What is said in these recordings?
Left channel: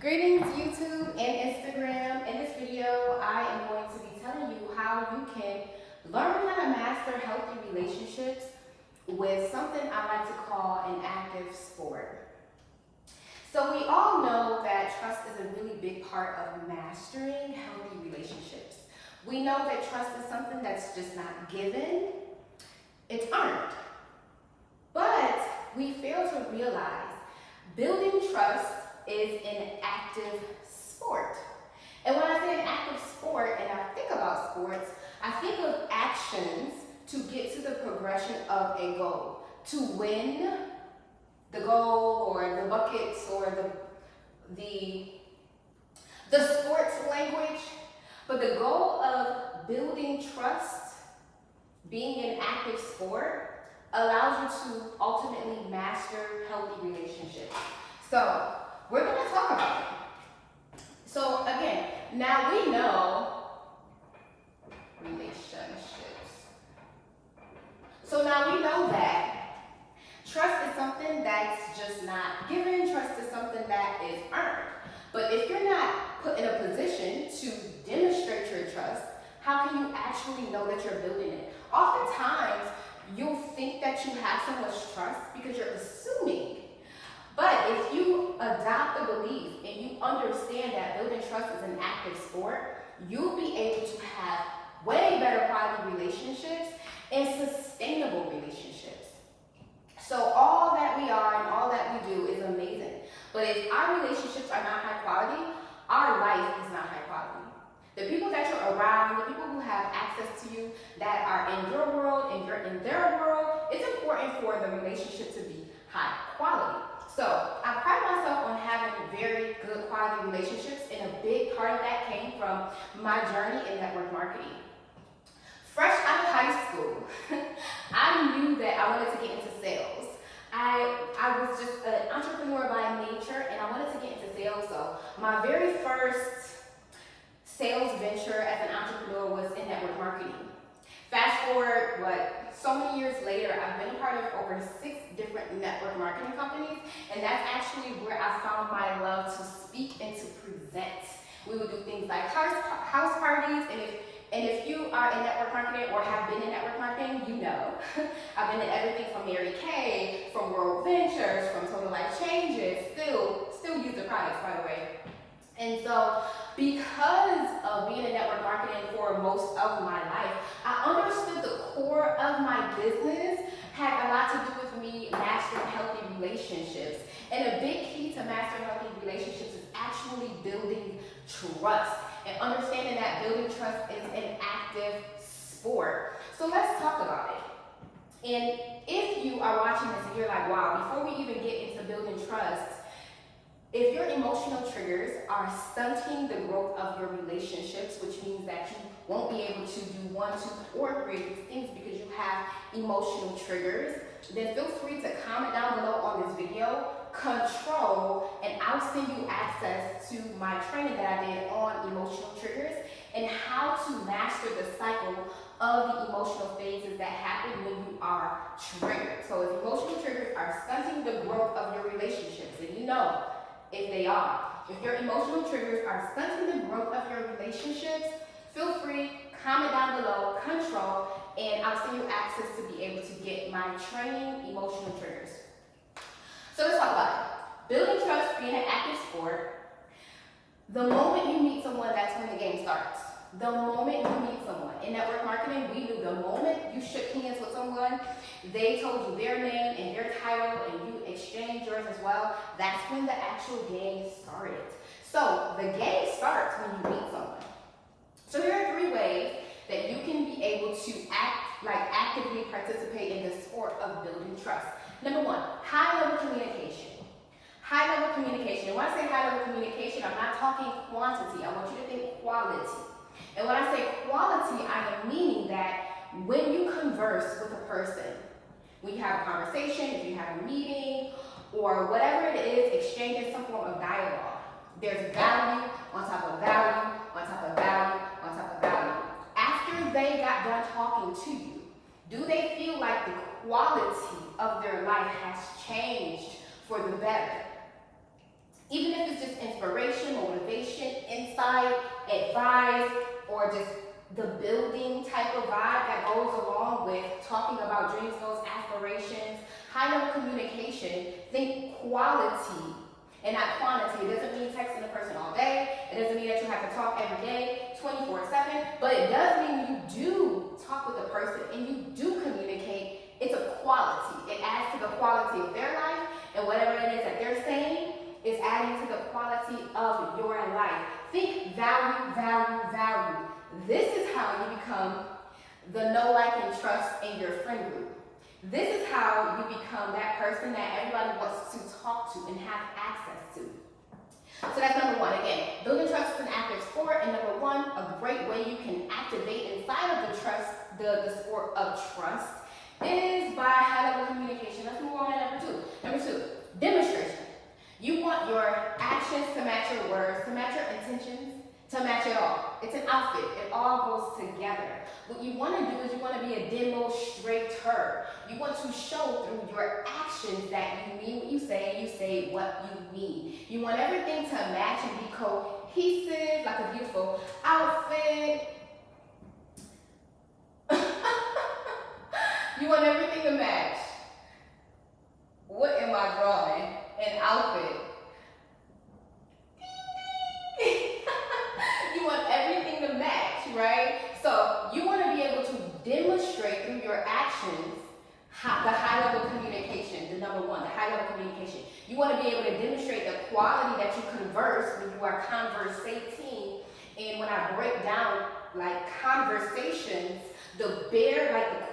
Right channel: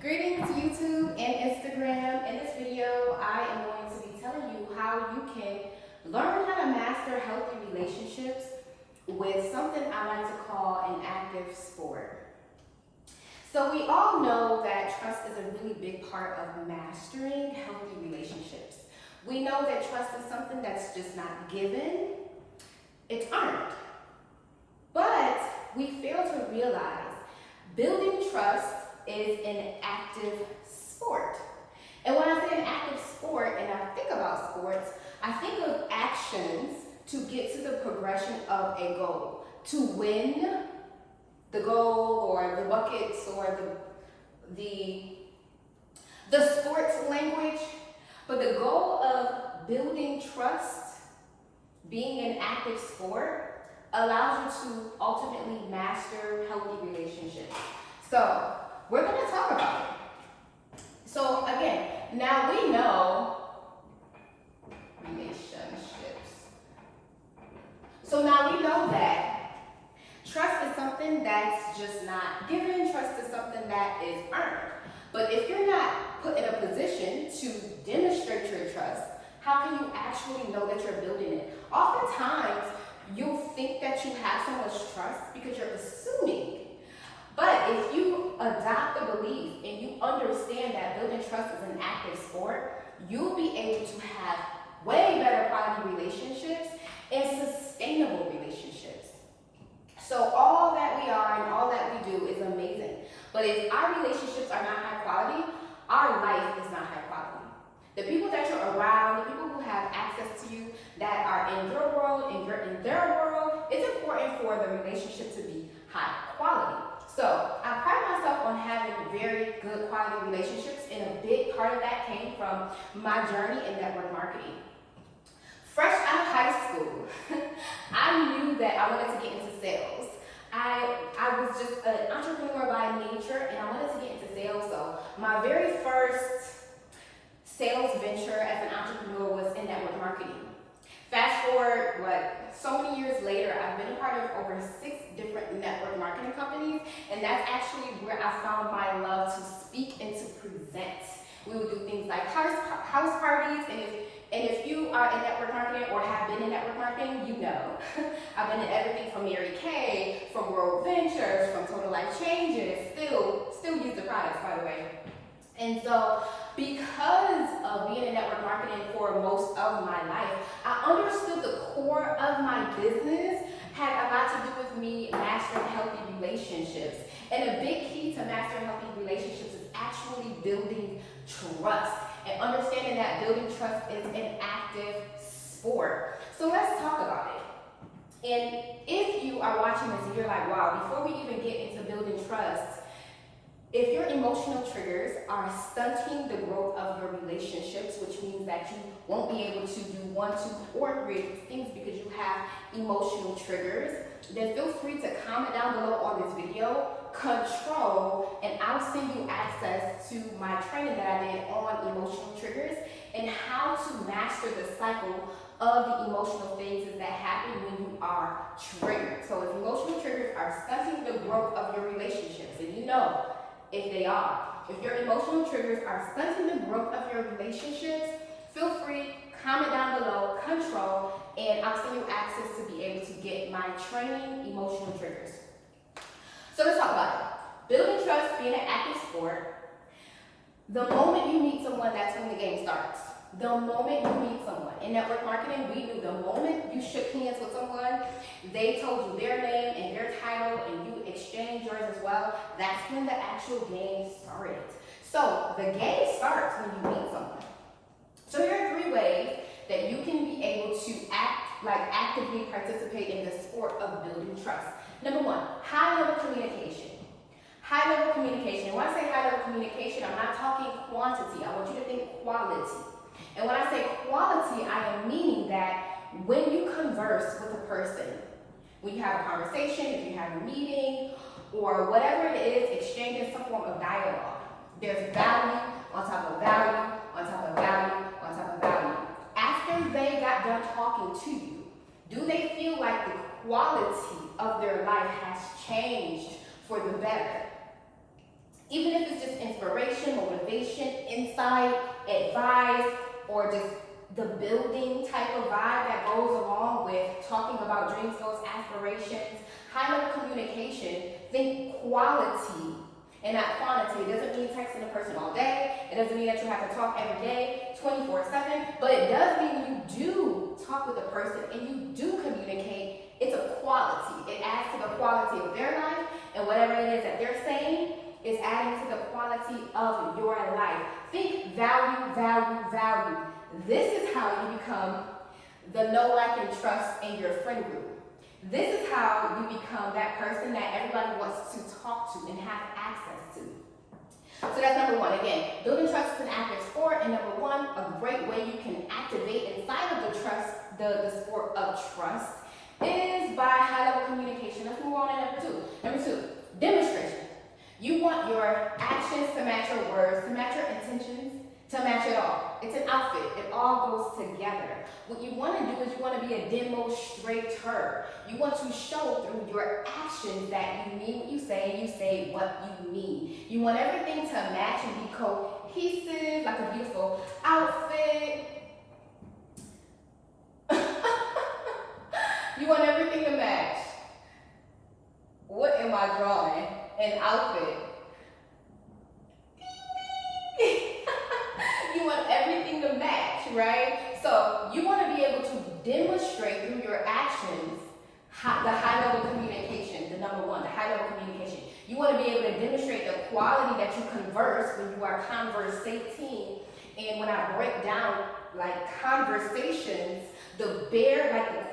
Greetings YouTube and Instagram. In this video, I am going to be telling you how you can learn how to master healthy relationships with something I like to call an active sport. So we all know that trust is a really big part of mastering healthy relationships. We know that trust is something that's just not given, it's earned. But we fail to realize building trust is an active sport. And when I say an active sport and I think about sports, I think of actions to get to the progression of a goal. To win the goal or the buckets or the sports language. But the goal of building trust, being an active sport, allows you to ultimately master healthy relationships. So we're going to talk about it. So again, now we know relationships. So now we know that trust is something that's just not given. Trust is something that is earned. But if you're not put in a position to demonstrate your trust, how can you actually know that you're building it? Oftentimes, you'll think that you have so much trust because you're assuming. But if you adopt the belief and you understand that building trust is an active sport, you'll be able to have way better quality relationships and sustainable relationships. So all that we are and all that we do is amazing. But if our relationships are not high quality, our life is not high quality. The people that you're around, the people who have access to you, that are in your world and you're in their world, it's important for the relationship to be high quality. So I pride myself on having very good quality relationships, and a big part of that came from my journey in network marketing. Fresh out of high school, I knew that I wanted to get into sales. I was just an entrepreneur by nature, and I wanted to get into sales. So my very first sales venture as an entrepreneur was in network marketing. Fast forward, so many years later, I've been a part of over 6 different network marketing companies, and that's actually where I found my love to speak and to present. We would do things like house parties, and if you are in network marketing or have been in network marketing, you know. I've been in everything from Mary Kay, from World Ventures, from Total Life Changes, still use the products, by the way. And so, because of being in network marketing for most of my life, I understood the core of my business had a lot to do with me mastering healthy relationships. And a big key to mastering healthy relationships is actually building trust and understanding that building trust is an active sport. So let's talk about it. And if you are watching this and you're like, wow, before we even get into building trust, if your emotional triggers are stunting the growth of your relationships, which means that you won't be able to do 1, 2, or 3 of these things because you have emotional triggers, then feel free to comment down below on this video, control, and I'll send you access to my training that I did on emotional triggers and how to master the cycle of the emotional phases that happen when you are triggered. So if emotional triggers are stunting the growth of your relationships, and you know, if they are. If your emotional triggers are stunting the growth of your relationships, feel free, comment down below, control, and I'll send you access to be able to get my training, emotional triggers. So let's talk about it. Building trust, being an active sport. The moment you meet someone, that's when the game starts. The moment you meet someone. In network marketing, we knew the moment you shook hands with someone, they told you their name and their title, and you exchanged yours as well. That's when the actual game started. So the game starts when you meet someone. So here are 3 ways that you can be able to actively participate in the sport of building trust. Number 1, high-level communication. High-level communication. When I say high-level communication, I'm not talking quantity. I want you to think quality. And when I say quality, I am meaning that when you converse with a person, when you have a conversation, if you have a meeting, or whatever it is, exchanging some form of dialogue, there's value on top of value, on top of value, on top of value. After they got done talking to you, do they feel like the quality of their life has changed for the better? Even if it's just inspiration, motivation, insight, advice, or just the building type of vibe that goes along with talking about dreams, goals, aspirations, high level communication, think quality and not quantity. It doesn't mean texting a person all day. It doesn't mean that you have to talk every day, 24/7, but it does mean you do talk with the person and you do communicate. It's a quality. It adds to the quality of their life, and whatever it is that they're saying is adding to the quality of your life. Think value, value, value. This is how you become the know, like, and trust in your friend group. This is how you become that person that everybody wants to talk to and have access to. So that's number one. Again, building trust is an active sport, and number one, a great way you can activate inside of the trust, the sport of trust, is by high-level communication. Let's move on to number two. Number two, demonstration. You want your actions to match your words, to match your intentions, to match it all. It's an outfit. It all goes together. What you want to do is you want to be a demonstrator. You want to show through your actions that you mean what you say what you mean. You want everything to match and be cohesive, like a beautiful outfit. You want everything to match. What am I drawing? An outfit. You want everything to match, right? So you want to be able to demonstrate through your actions the high-level communication, the number one, the high-level communication. You want to be able to demonstrate the quality that you converse when you are conversating. And when I break down like conversations, the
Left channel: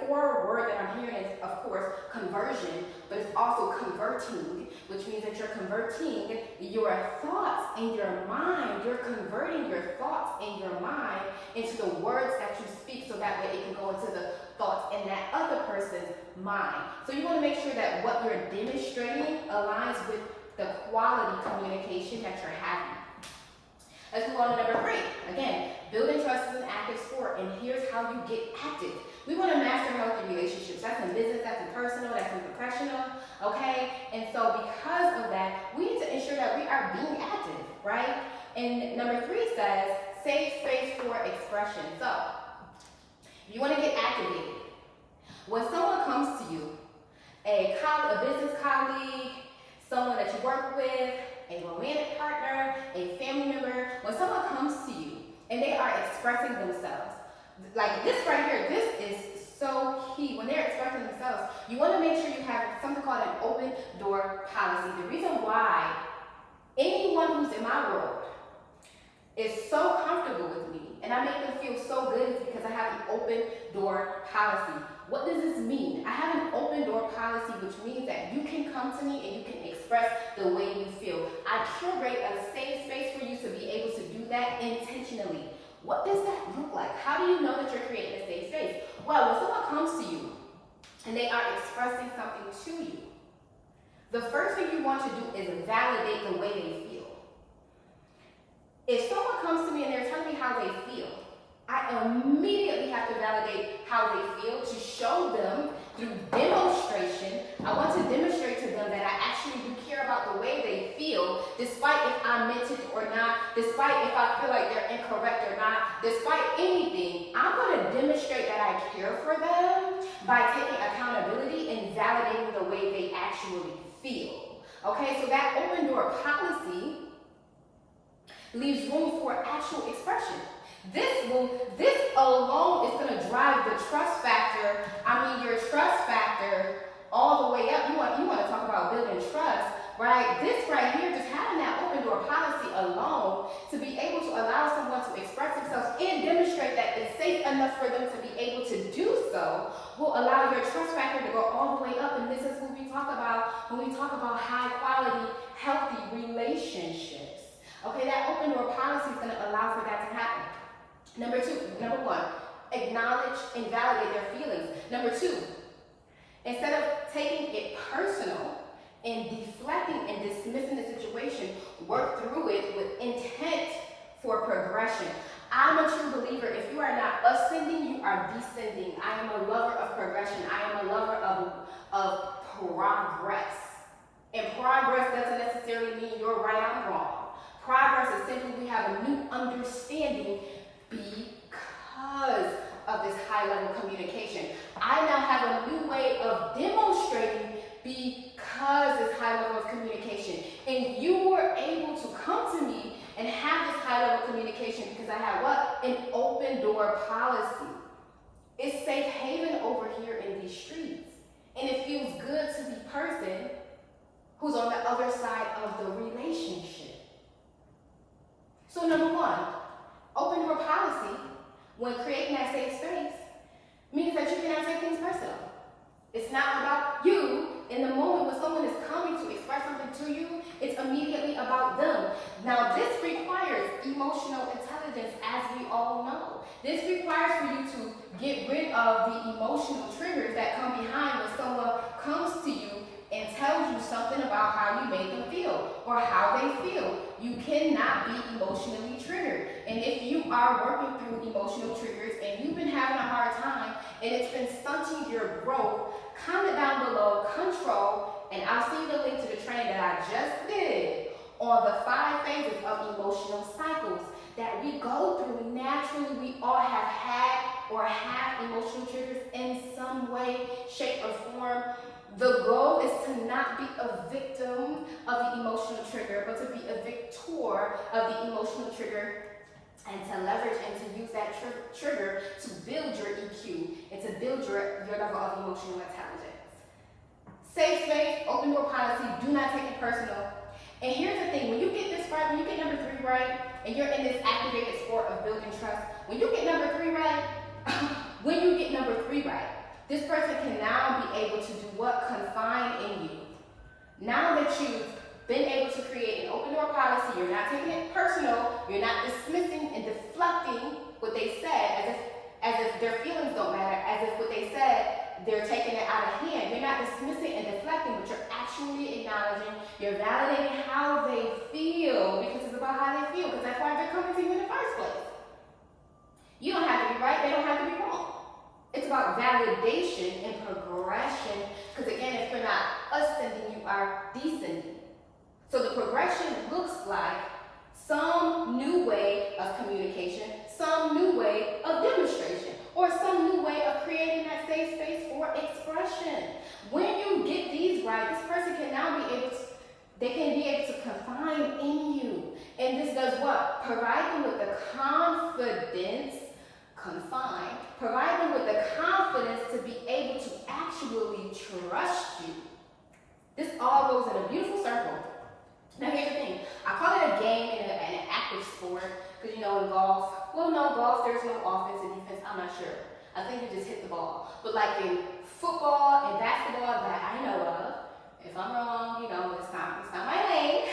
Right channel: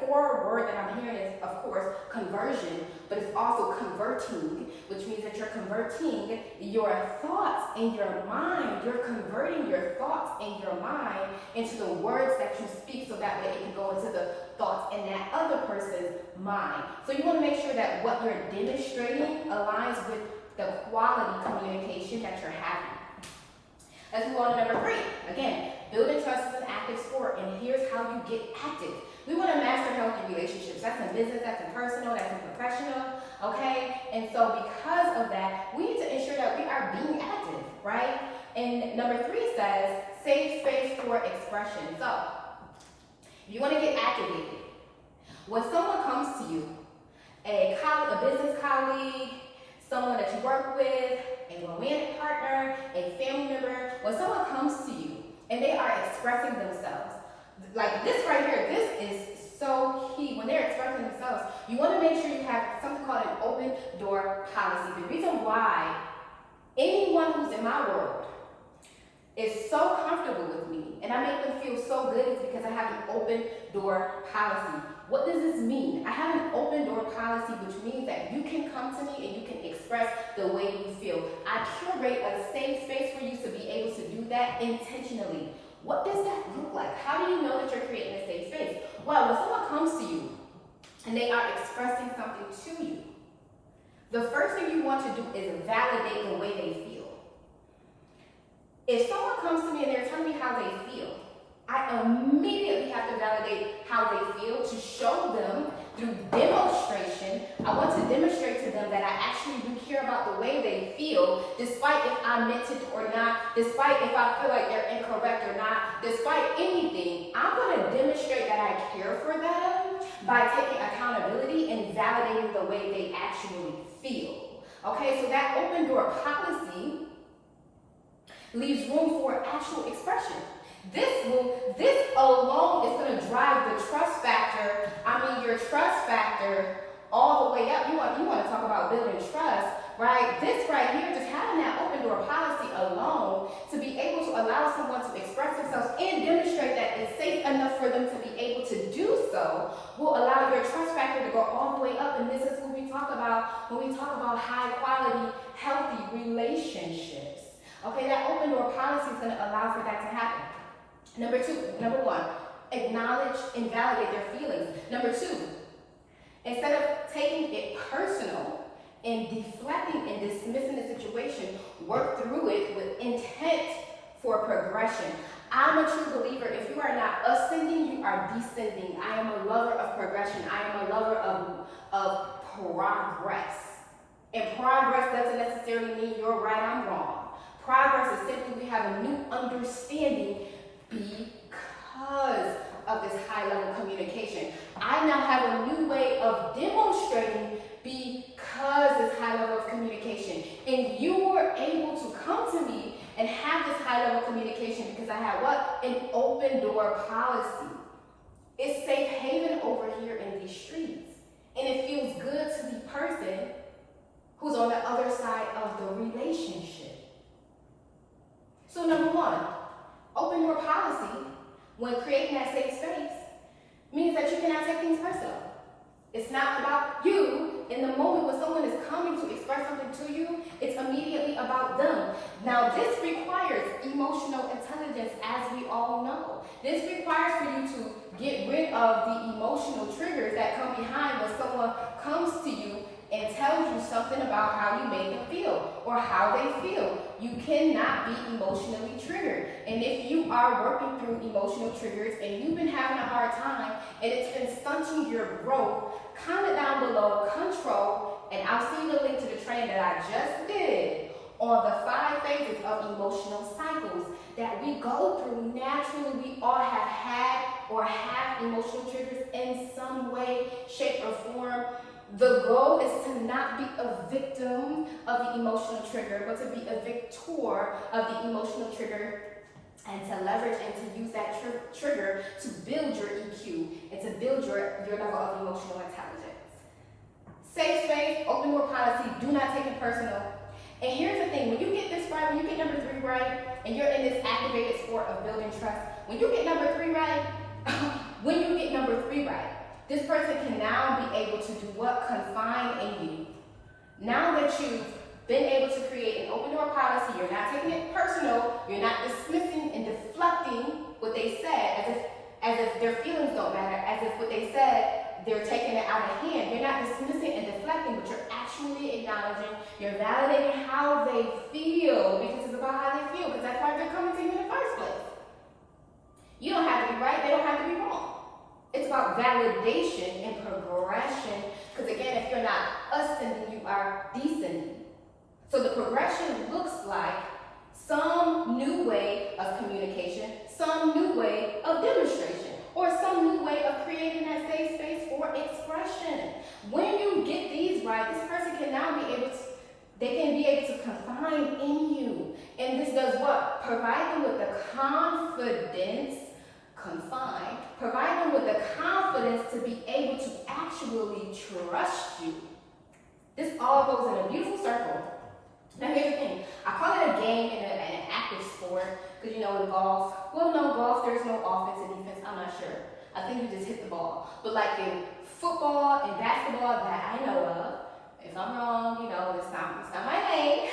core word that I'm hearing is, of course, conversion, but it's also converting, which means that you're converting your thoughts in your mind. You're converting your thoughts in your mind into the words that you speak, so that way it can go into the thoughts in that other person's mind. So you want to make sure that what you're demonstrating aligns with the quality communication that you're having. Let's move on to number three. Again, building trust is an active sport, and here's how you get active. We want to master healthy relationships. That's in business, that's in personal, that's in professional, okay? And so because of that, we need to ensure that we are being active, right? And number three says, save space for expression. So, if you want to get activated, when someone comes to you, a business colleague, someone that you work with, a romantic partner, a family member, when someone comes to you and they are expressing themselves, like this right here, this is so key. When they're expressing themselves, you want to make sure you have something called an open door policy. The reason why anyone who's in my world is so comfortable with me and I make them feel so good is because I have an open door policy. What does this mean? I have an open door policy, which means that you can come to me and you can express the way you feel. I curate a safe space for you to be able to do that intentionally. What does that look like? How do you know that you're creating a safe space? Well, when someone comes to you and they are expressing something to you, the first thing you want to do is validate the way they feel. If someone comes to me and they're telling me how they feel, I immediately have to validate how they feel to show them through demonstration. I want to demonstrate to them that I actually do care about the way they feel, despite if I meant it or not, despite if I feel like they're incorrect or not, despite anything. I'm going to demonstrate that I care for them by taking accountability and validating the way they actually feel. Okay, so that open door policy leaves room for actual expression. This alone is going to drive the trust factor. Your trust factor all the way up. You want to talk about building trust, right? This right here, just having that open door policy alone to be able to allow someone to express themselves and demonstrate that it's safe enough for them to be able to do so will allow your trust factor to go all the way up. And this is what we talk about when we talk about high quality, healthy relationships. Okay, that open door policy is going to allow for that to happen. Number one, acknowledge and validate their feelings. Number two, instead of taking it personal and deflecting and dismissing the situation, work through it with intent for progression. I'm a true believer. If you are not ascending, you are descending. I am a lover of progression. I am a lover of progress. And progress Progress doesn't necessarily mean you're right, I'm wrong. Progress is simply we have a new understanding because of this high level communication. I now have a new way of demonstrating because this high level of communication. And you were able to come to me and have this high level communication because I had what? An open door policy. It's safe haven over here in these streets. And it feels good to the person who's on the other side of the relationship. So number one, open door policy, when creating that safe space, means that you cannot take things personal. It's not about you. In the moment when someone is coming to express something to you, it's immediately about them. Now, this requires emotional intelligence, as we all know. This requires for you to get rid of the emotional triggers that come behind when someone comes to you and tells you something about how you make them feel or how they feel. You cannot be emotionally triggered. And if you are working through emotional triggers and you've been having a hard time and it's been stunting your growth, comment down below, control, and I'll see the link to the training that I just did on the 5 phases of emotional cycles that we go through. Naturally, we all have had or have emotional triggers in some way, shape, or form. The goal is to not be a victim of the emotional trigger, but to be a victor of the emotional trigger and to leverage and to use that trigger to build your EQ and to build your level of emotional intelligence. Safe space, open door policy, do not take it personal. And here's the thing, when you get this right, when you get number 3 right, and you're in this activated sport of building trust, when you get number 3 right, when you get number 3 right, this person can now be able to do what? Confine in you. Now that you've been able to create an open door policy, you're not taking it personal, you're not dismissing and deflecting what they said as if their feelings don't matter, as if what they said, they're taking it out of hand. You're not dismissing and deflecting, but you're actually acknowledging, you're validating how they feel, because it's about how they feel, because that's why they're coming to you in the first place. You don't have to be right, they don't have to be wrong. It's about validation and progression, because again, if you're not ascending, you are descending. So the progression looks like some new way of communication, some new way of demonstration, or some new way of creating that safe space for expression. When you get these right, this person can now be able to, they can be able to confine in you. And this does what? Provide them with the confidence, provide them with the confidence to be able to actually trust you. This all goes in a beautiful circle. Now here's the thing, I call it a game and an active sport, because you know in golf, well no, golf there's no offense and defense, I'm not sure. I think you just hit the ball. But like in football and basketball that I know of, if I'm wrong, you know, it's not my name.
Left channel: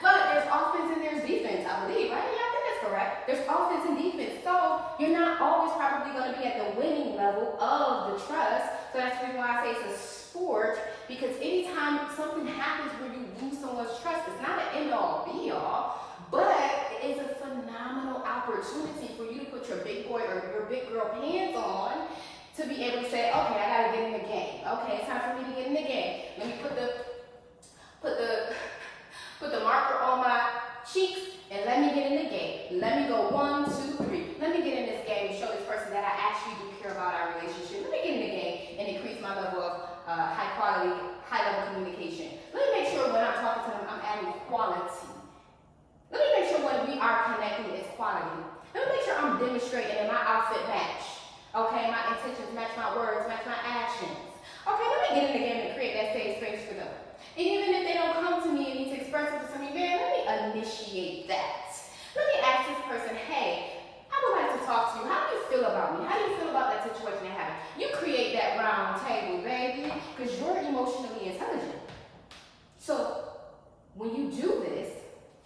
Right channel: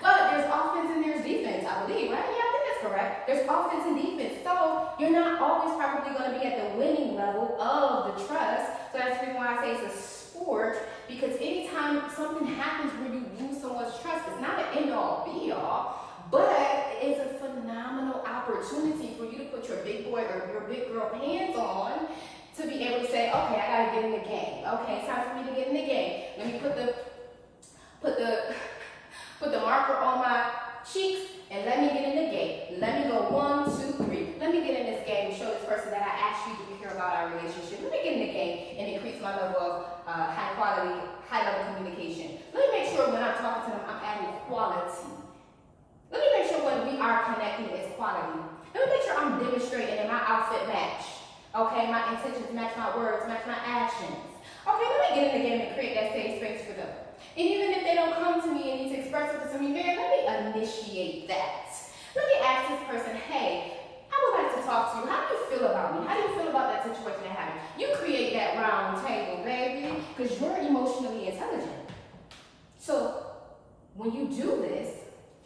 But there's offense and there's defense, I believe, right? Yeah, I think that's correct. There's offense and defense. So you're not always probably going to be at the winning level of the trust. So that's the reason why I say it's a sport, because anytime something happens where you lose someone's trust, it's not an end-all, be-all, but it's a phenomenal opportunity for you to put your big boy or your big girl pants on to be able to say, okay, I got to get in the game. Okay, it's time for me to get in the game. Let me put the marker on my cheeks and let me get in the game. Let me go 1, 2, 3. Let me get in this game and show this person that I actually do care about our relationship. Let me get in the game and increase my level of high quality, high level communication. Let me make sure when I'm talking to them, I'm adding quality. Let me make sure when we are connecting, it's quality. Let me make sure I'm demonstrating and my outfit match. Okay, my intentions match my words, match my actions. Okay, let me get in the game and create that safe space for them. And even if they don't come to me and need to express it to me, man, let me initiate that. Let me ask this person, hey, I would like to talk to you. How do you feel about me? How do you feel about that situation that happened? You create that round table, baby, because you're emotionally intelligent. So when you do this,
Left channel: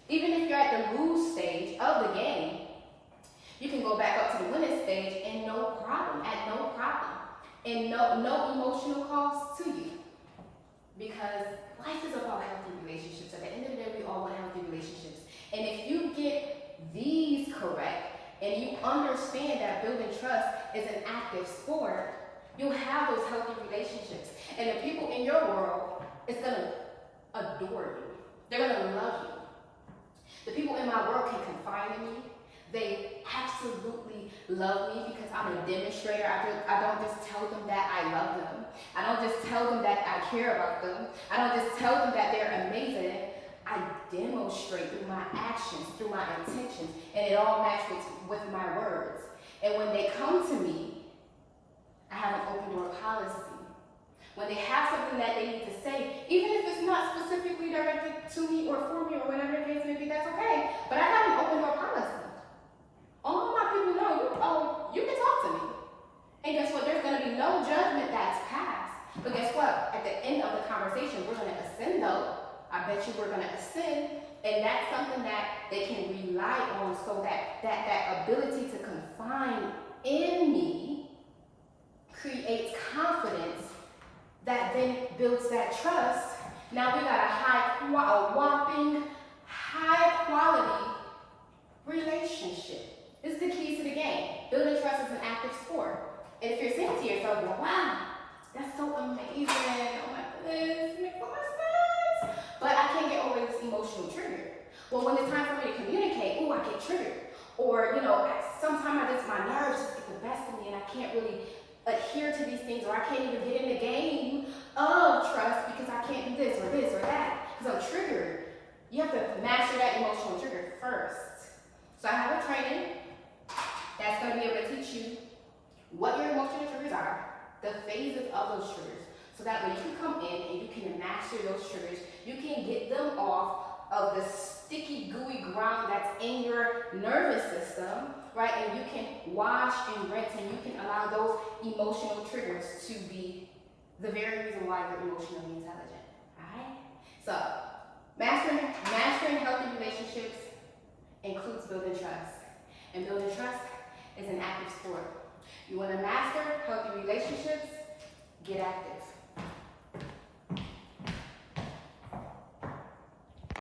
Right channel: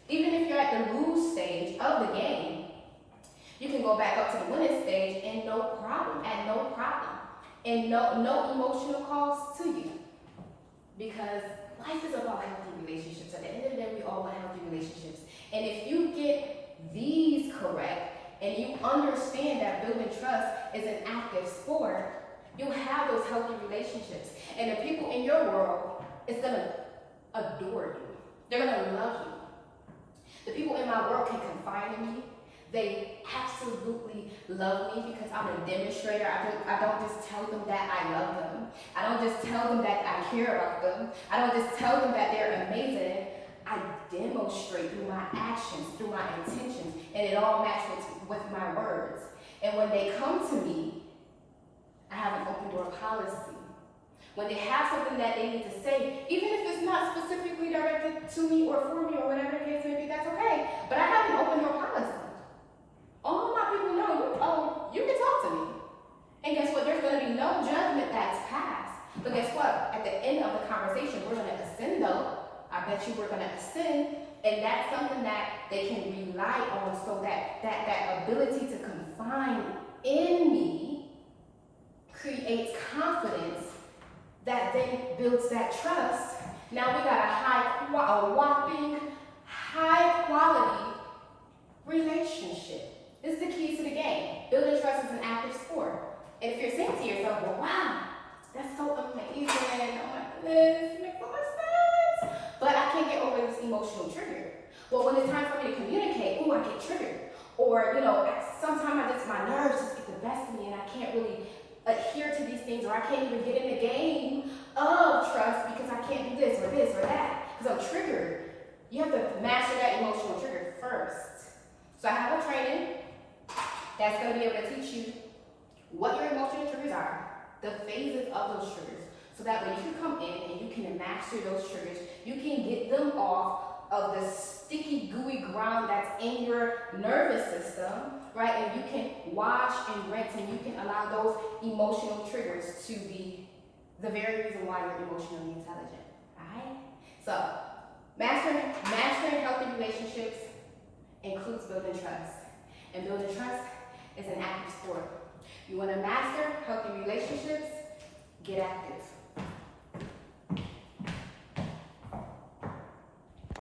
even if you're at the lose stage of the game, you can go back up to the winning stage and no problem, at no problem, and no emotional cost to you. Because life is about healthy relationships. At the end of the day, we all want healthy relationships. And if you get these correct, and you understand that building trust is an active sport, you'll have those healthy relationships. And the people in your world is going to adore you. They're gonna love you. The people in my world can confide in me. They absolutely love me because I'm a demonstrator. I don't just tell them that I love them. I don't just tell them that I care about them. I don't just tell them that they're amazing. I demonstrate through my actions, through my intentions, and it all matches with my words. And when they come to me, I have an open door policy. When they have something that they need to say, even if it's not specifically directed to me or for me or whatever the case may be, that's okay. But I have an open door policy. All my people know you can talk to me. And guess what? There's going to be no judgment that's passed. But guess what? At the end of the conversation, we're going to ascend though. I bet you we're going to ascend. And that's something that they can rely on, so that ability to confide in me creates confidence that then builds that trust. Now we got a whopping high quality relationship. This is the key to the game. Building trust is an active sport. And if you're saying to yourself, well, wow, that's so amazing. Oh my goodness, it makes so much sense. But I can't get over this emotional trigger. Well, when it's time for me to communicate, I get triggered. Or, sometimes my nerves just get the best of me and I can't really adhere to these things, or I can't even get in the game of trust because I can't do this or that because I'm triggered. You have to master that emotional trigger first. So I have a training that's going to be able to teach you what your emotional triggers are, the phases of those triggers, so that when you come in and you can master those triggers, you can get them off of the sticky, gooey ground that's in your nervous system, right? And you can wash and rinse, and you can allow those emotional triggers to be the very reason why you're emotionally intelligent, right? So, mastering healthy relationships includes building trust. And building trust is an active sport. You want to master healthy relationships? Get active.